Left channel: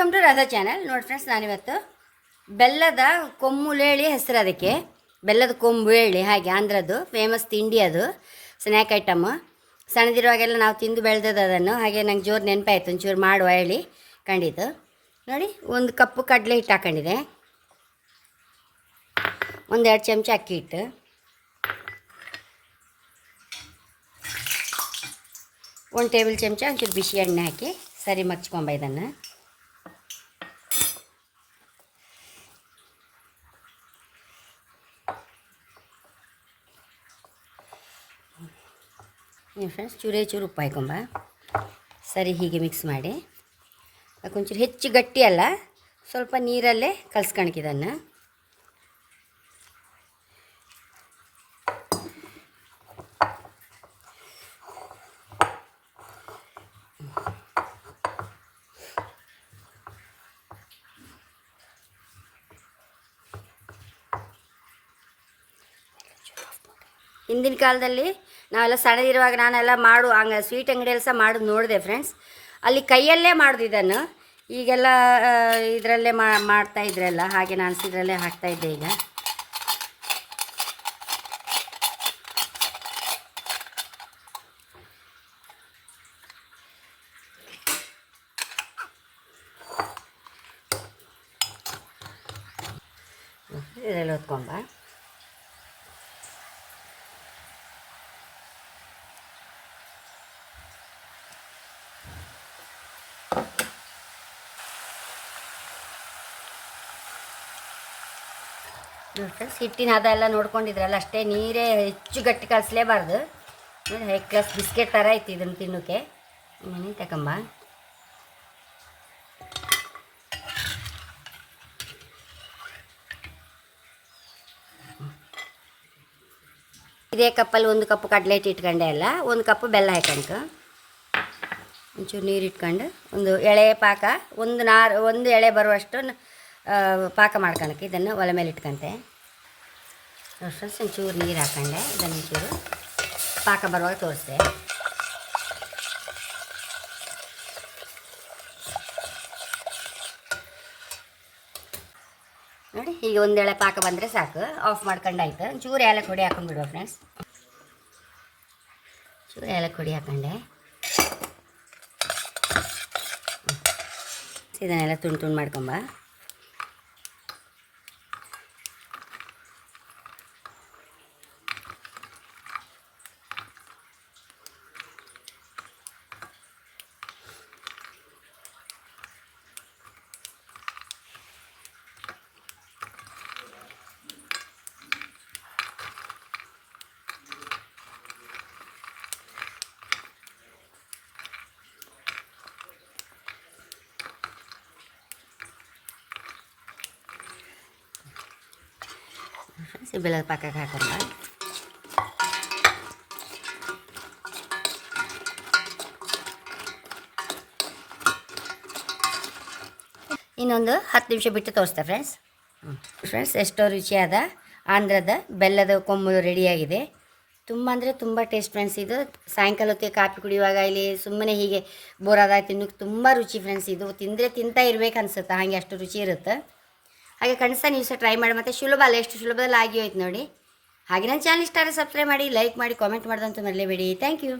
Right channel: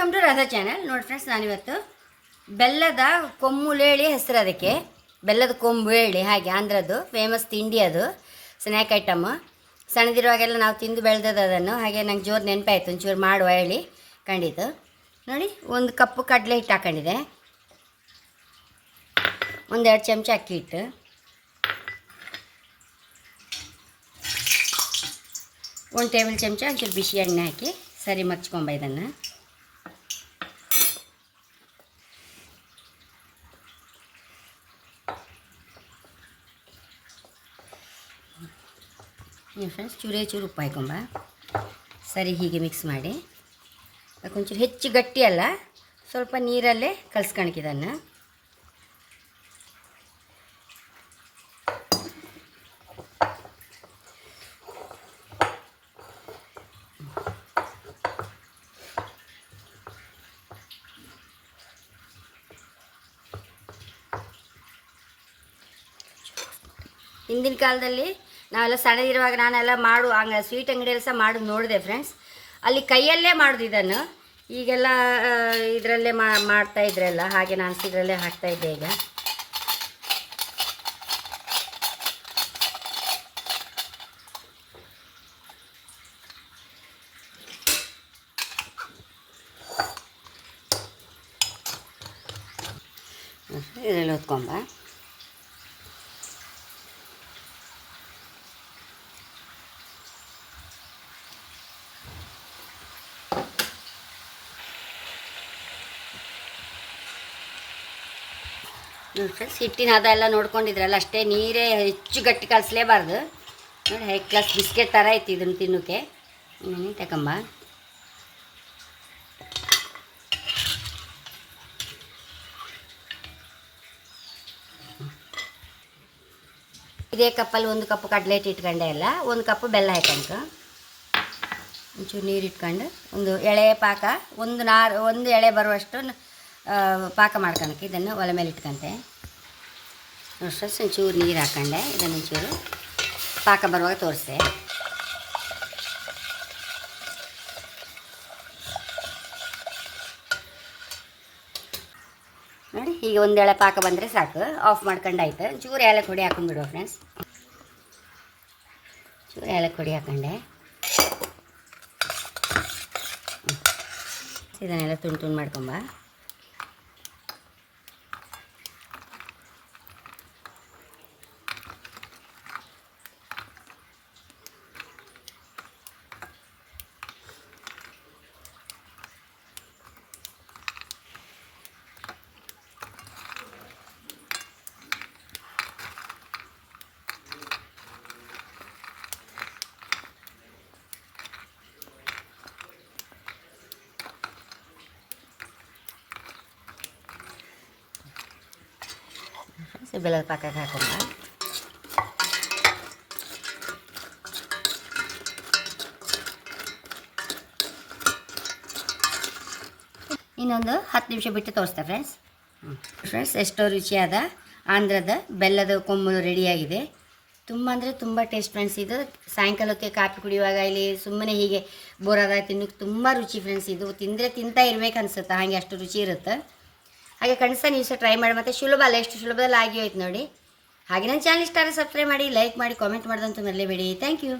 Welcome to Radha channel. ನೋಡಿ friends, ನಾನಿವತ್ತು ಬೆಲ್ಲದ ಕೊಮ್ಮುಲೇಳಿ ಹೆಸರು, ಅದಕ್ಕೆ ಬೆಲ್ಲದ ಕೊಂಬುಳಿ, ಹಾಗೆ ಆಂಧ್ರದ್ದು ಫೇಮಸ್ ತಿಂಡಿ, ಅದು ಸ್ನ್ಯಾಕ್ ಐಟಮ್. ಸಣ್ಣದಿರುವಾಗೆಲ್ಲ ನಾವು ತಿಂದು ಬೆಳೆದದ್ದು ಅದನ್ನು. ಹಾಗೆ ನಂಗೆ ಜೋರು ನೆನಪಾಯಿತು, ಒಂಚೂರು ಮಾಡುವ ಹೇಳಿ ಕಂಡಿದ್ದು. ನೋಡಿ, ಒಂದು ಕಪ್ಪು ಕಡಲೆ ಹಿಟ್ಟು ಹಾಕೊಂಡಿದೆ, 1-2 ಚಮಚ ಅಕ್ಕಿ ಹಿಟ್ಟು, 1 ಟೇಬಲ್ ಚಮಚ ಒಂಚೂರು ಬಿಸಿ ಎಣ್ಣೆ ಹಾಕಿ ಸರಿ ಮಗ್ಚ್ಕೊಂಬ ಇದನ್ನು. ಫ್ರೆಂಡ್ಸ್, ಚೂರು ಉಪ್ಪು ಹಾಕೊಂಬ ಸರಿ ಹೀಗೆ ಮಿಕ್ಸ್ ಮಾಡಿ. ಅದಕ್ಕೊಂಚೂರು ಹೆಚ್ಚು ಗಟ್ಟಿ ಅಲ್ಲ, ಸ್ವಲ್ಪ ನೀರಲ್ಲೇ ಕಲಿಸ್ಕೊಳಕಿದನ್ನು. ಹಿಂದಿನ ಕಾಲದಲ್ಲಿ ನಾವೆಲ್ಲ ಸಣ್ಣದಿರುವಾಗ ನಾನೆಲ್ಲ ಹಂಗೆ ಸ್ವೀಟ್ ಅಂಗಡಿಯಲ್ಲಿ ಸಹ ಮಾಡೋದು ನೋಡಿದೆ ಫ್ರೆಂಡ್ಸ್. ಅಲ್ಲಿ ಕೈಯಲ್ಲೇ ಮಾಡೋದು ಇದನ್ನು. ಈಗೆಲ್ಲ ಇದರಲ್ಲೇ ಮಾಡ್ತಾ ಇದ್ರಲ್ಲ, ಹಾಗೆ ನಾನು ಇದರಲ್ಲೇ ಹಾಕ್ತಾಯಿದ್ದೆ. ಈಗ ಇದರಲ್ಲಿ ಹೊತ್ಕೊಂಬ. ಫ್ರೆಂಡ್ಸ್, ಹಿಟ್ಟಿನ ಹದ ಎಲ್ಲ ನೋಡ್ಕೊಂಡಿದ್ರಲ್ಲ, ಅಷ್ಟೇ, ನೀರೇ ಹೆಚ್ಚು ಗಟ್ಟಿ ಕಲಿಸ್ಲೇಬಾರ್ದು. ನೋಡಿ, ಹೈ ಕ್ಲಾಸ್ ಬಿಸ್ಕೆಟ್ ಥರ ಐತಿ ಇದನ್ನು ತಿನ್ನೋಕ್ಕೆ. ತಗೊಂಬ. ಇದೇ ಕಪ್ಪಲ್ಲಿ 1 ಕಪ್ ಕಡಲೆ ಹಿಟ್ಟು ಇಟ್ಕೊಂಡೆ ಅಲ್ಲ, 1 ಕಪ್ ಬೆಲ್ಲ ಹಾಕೊಂಡು, ಒಂಚೂರು ನೀರು ಇಟ್ಕೊಂಡು, ಒಂದು ಎಳೆ ಪಾಕ, ಒಂದು ಎಳೆ ಬರುವಷ್ಟು ಪಾಕ ಮಾಡ್ಕೊಳಕ್ಕೆ ಇದನ್ನು ಒಲೆ ಮೇಲೆ ಇಟ್ಕೊಂತೆ. ಅಷ್ಟು ಒಂಚೂರು ನೀರು ಹಾಕೊಂಡೆ, ಇದನ್ನು ಒಂಚೂರು ಪಾಕ ಬರುವಾಗ ತೋರಿಸ್ದೆ. ನೋಡಿ, ಈಗ 1 ಎಳೆ ಪಾಕ ಬಂದರೆ ಸಾಕು, ಆಫ್ ಮಾಡ್ಕೊಂಡಾಯ್ತು. ಚೂರು ಏಲಕ್ಕಿ ಹೊಡಿ ಹಾಕೊಂಡ್ಬಿಡುವ ಫ್ರೆಂಡ್ಸ್. ಚೂರು ಏಲಕ್ಕಿ ಹೊಡಿ ಹಾಕೊಂಡೆ. ಇದನ್ನೆಲ್ಲ ತುಂಡು ಮಾಡ್ಕೊಂಬ. ಬೆಲ್ಲದ ಪಾಕಕ್ಕೆ ಹಾಕೊಂಡ. ಇನ್ನೊಂದು 10 ನಿಮಿಷ ಬಿಟ್ಟು ತೋರಿಸ್ತೆ ಫ್ರೆಂಡ್ಸ್. ಎಷ್ಟೋ ರುಚಿಯಾದ ಆಂಧ್ರದ ಬೆಲ್ಲದ ಕೊಂಬು ರೆಡಿಯಾಗಿದೆ. ತುಂಬ ಅಂದರೆ ತುಂಬ ಟೇಸ್ಟ್ ಫ್ರೆಂಡ್ಸ್. ಇದು ಸಾಯಂಕಾಲಕ್ಕೆ ಕಾಫಿ ಕುಡಿಯುವಾಗ ಇಲ್ಲಿ ಸುಮ್ಮನೆ ಹೀಗೆ ಬೋರಾದ ತಿನ್ನೋಕ್ಕೆ ತುಂಬ ರುಚಿ ಫ್ರೆಂಡ್ಸ್. ಇದು ತಿಂದರೆ ತಿಂತಾ ಇರ್ಬೇಕು ಅನ್ಸುತ್ತೆ, ಹಾಗೆ ಅಷ್ಟು ರುಚಿ ಇರುತ್ತೆ. ಹಾಗೆ ಕನಿಷ್ಠ ನೀವು ಸಹ ಟ್ರೈ ಮಾಡಿ. ಮತ್ತು ಸುಲಭ ಅಲ್ಲ, ಎಷ್ಟು ಸುಲಭದಲ್ಲಿ ಆಗಿ ಹೋಯ್ತು ನೋಡಿ. ಹಾಗೆ ನನ್ನ ಚಾನಲ್ ಇಷ್ಟ ಆದರೆ ಸಬ್ಸ್ಕ್ರೈಬ್ ಮಾಡಿ, ಲೈಕ್ ಮಾಡಿ, ಕಾಮೆಂಟ್ ಮಾಡೋದಂತೂ ಮರಲೇಬೇಡಿ. Thank you.